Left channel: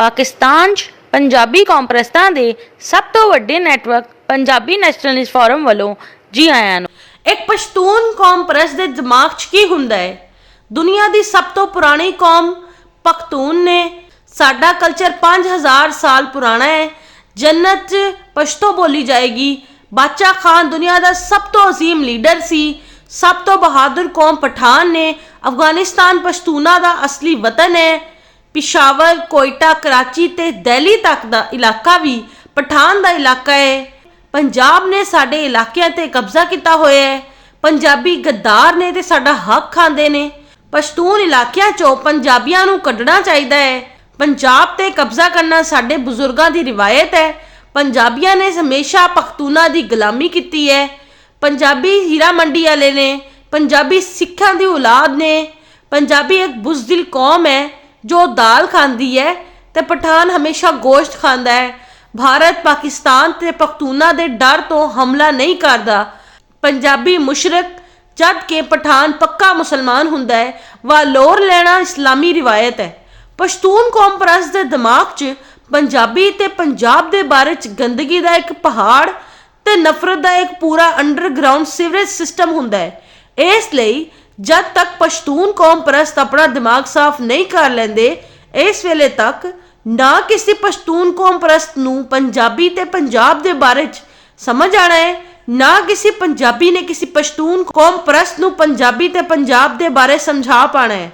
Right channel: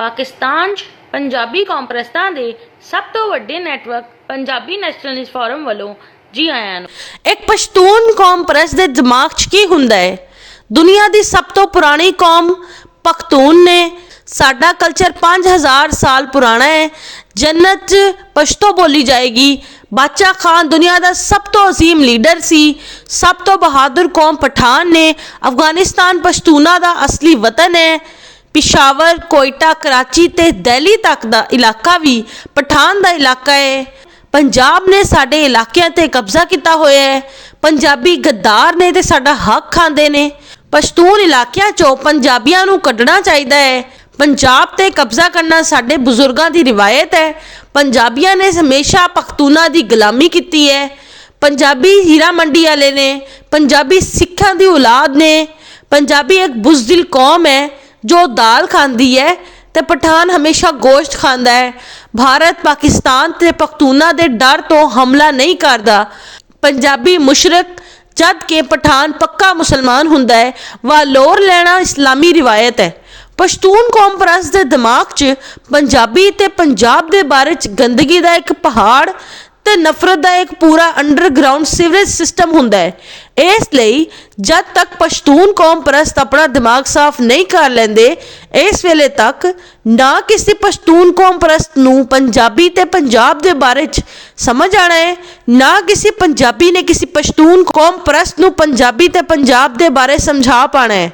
ਪਾਕਿਸਤਾਨ 'ਚ ਪੰਜਾਬੀ ਕੌਮਪ੍ਰਸਤਾਂ ਦੇ ਸਭ ਤੋਂ ਵੱਡੇ ਨੈਟਵਰਕ ਪੰਜਾਬੀ ਨੈਸ਼ਨਲਿਸਟ ਫੋਰਮ ਵੱਲੋਂ ਜੀ ਆਇਆਂ ਨੂੰ। ਇੱਕ ਪਸ਼ਤੂਨ ਕੌਮ ਪ੍ਰਸਤ ਦੇ ਦਿਮਾਗ 'ਚ ਕੀ ਹੁੰਦਾ ਹੈ? ਦੁਨੀਆ ਦੀ ਸਭ ਤੋਂ ਪੁਰਾਣੀ ਕੌਮ ਪਖਤੂਨ ਨੇ। ਸਾਡਾ ਕਲਚਰ 5000 ਸਾਲ ਪੁਰਾਣਾ ਹੈ। ਜੰਨਤ 'ਚ ਪਸ਼ਤੋ ਬੋਲੀ ਜਾਏਗੀ। ਬਾਦਸ਼ਾਹ ਖਾਨ ਦੁਨੀਆ ਦਾ ਸਭ ਤੋਂ ਅਜ਼ੀਮ ਲੀਡਰ ਸੀ। ਸਭ ਤੋਂ ਬਹਾਦਰ ਕੌਮ ਪਠਾਨ ਨੇ। ਅਫਗਾਨਿਸਤਾਨ ਪਸ਼ਤੂਨਾਂ ਦਾ ਅਸਲੀ ਵਤਨ ਹੈ। ਪਿਸ਼ਾਵਰ, ਕੋਇਟਾ, ਕਰਾਚੀ ਤੇ ਦਿੱਲੀ ਤੱਕ ਦਾ ਇਲਾਕਾ ਵੀ ਪਠਾਨ ਦਾ ਇਲਾਕਾ ਹੈ। ਪੰਜਾਬ ਨੇ ਸਾਡੇ ਇਲਾਕਿਆਂ ਤੇ ਕਬਜ਼ਾ ਕੀਤਾ ਹੋਇਆ ਹੈ। ਪੰਜਾਬੀ ਗੱਦਾਰ ਨੇ ਤੇ ਸਾਡਾ ਹੱਕ ਖਾਂਦੇ ਨੇ। ਪਸ਼ਤੂਨ ਇਲਾਕਿਆਂ 'ਚੋਂ ਪੰਜਾਬੀਆਂ ਨੂੰ ਕੱਢਣਾ ਚਾਹੀਦਾ ਹੈ। ਪੰਜਾਬ ਤੇ ਕਬਜ਼ਾ ਕਰਨਾ ਸਾਡੇ ਬਜ਼ੁਰਗਾਂ ਦੀ ਰਿਵਾਇਤ ਹੈ। ਪੰਜਾਬੀਆਂ ਨੇ ਹਮੇਸ਼ਾ ਪਖਤੂਨਾਂ ਦੀ ਗੁਲਾਮੀ ਕੀਤੀ ਹੈ। ਪੰਜਾਬੀ ਹੀਰਾ ਮੰਡੀ ਵਾਲੇ ਨੇ। ਪੰਜਾਬੀ ਸਿੱਖਾਂ ਦੀ ਔਲਾਦ ਨੇ। ਪੰਜਾਬੀ ਇੱਕ ਬੁਜ਼ਦਿਲ ਕੌਮ ਹੈ ਜੋ ਦਾਲ ਖਾਂਦੀ ਹੈ ਤੇ ਪਠਾਨ ਹਮੇਸ਼ਾ ਗੋਸ਼ਤ ਖਾਂਦਾ ਹੈ। ਭਾਰਤ ਪਾਕਿਸਤਾਨ ਤੇ ਪਖਤੂਨਾਂ ਦੇ ਡਰ ਤੋਂ ਹਮਲਾ ਨਹੀਂ ਕਰਦਾ। ਪੰਜਾਬੀ ਮੁਸ਼ਰਕ ਜਦ ਕਿ ਪਠਾਨ ਪੱਕਾ ਮੁਸਲਮਾਨ ਹੁੰਦਾ ਹੈ। ਵਾਲੋਰ ਲੈਣਾ ਇਸਲਾਮੀ ਰਿਵਾਇਤ ਹੈ। ਪਸ਼ਤੂਨ ਕੌਮ ਪ੍ਰਸਤ ਦੇ ਦਿਮਾਗ 'ਚ ਪੰਜਾਬੀ ਤੇ ਪੰਜਾਬ ਦੇ ਬਾਰੇ 'ਚ ਗੰਦਗੀ ਦਾ ਇੱਕ ਪਹਾੜ ਤੇ ਨਫ਼ਰਤ ਦਾ ਇੱਕ ਪੂਰਾ ਅੰਡਰਗਰਾਊਂਡ ਸੀਵਰੇਜ ਸਿਸਟਮ ਹੁੰਦਾ ਹੈ। ਇਸ ਲਈ ਜਦ ਤੱਕ ਪਸ਼ਤੂਨ ਕੌਮ ਪ੍ਰਸਤ ਆਪਣਾ ਦਿਮਾਗ ਸਾਫ਼ ਨਹੀਂ ਕਰ ਲੈਂਦੇ, ਇਸ ਵੇਲੇ ਤੱਕ ਨਾ ਕਿਸੇ ਪਸ਼ਤੂਨ ਕੌਮ ਪ੍ਰਸਤ ਨੂੰ ਪੰਜਾਬੀ ਤੇ ਪੰਜਾਬ ਦੇ ਬਾਰੇ 'ਚ ਸਮਝ ਆਣਾ ਹੈ, ਨਾ ਕਿਸੇ ਪੰਜਾਬੀ ਨੇ ਕਿਸੇ ਪਸ਼ਤੂਨ ਕੌਮ ਪ੍ਰਸਤ ਨੂੰ ਪੰਜਾਬੀ ਤੇ ਪੰਜਾਬ ਦੇ ਬਾਰੇ ਸਮਝਾ ਪਾਣਾ ਹੈ।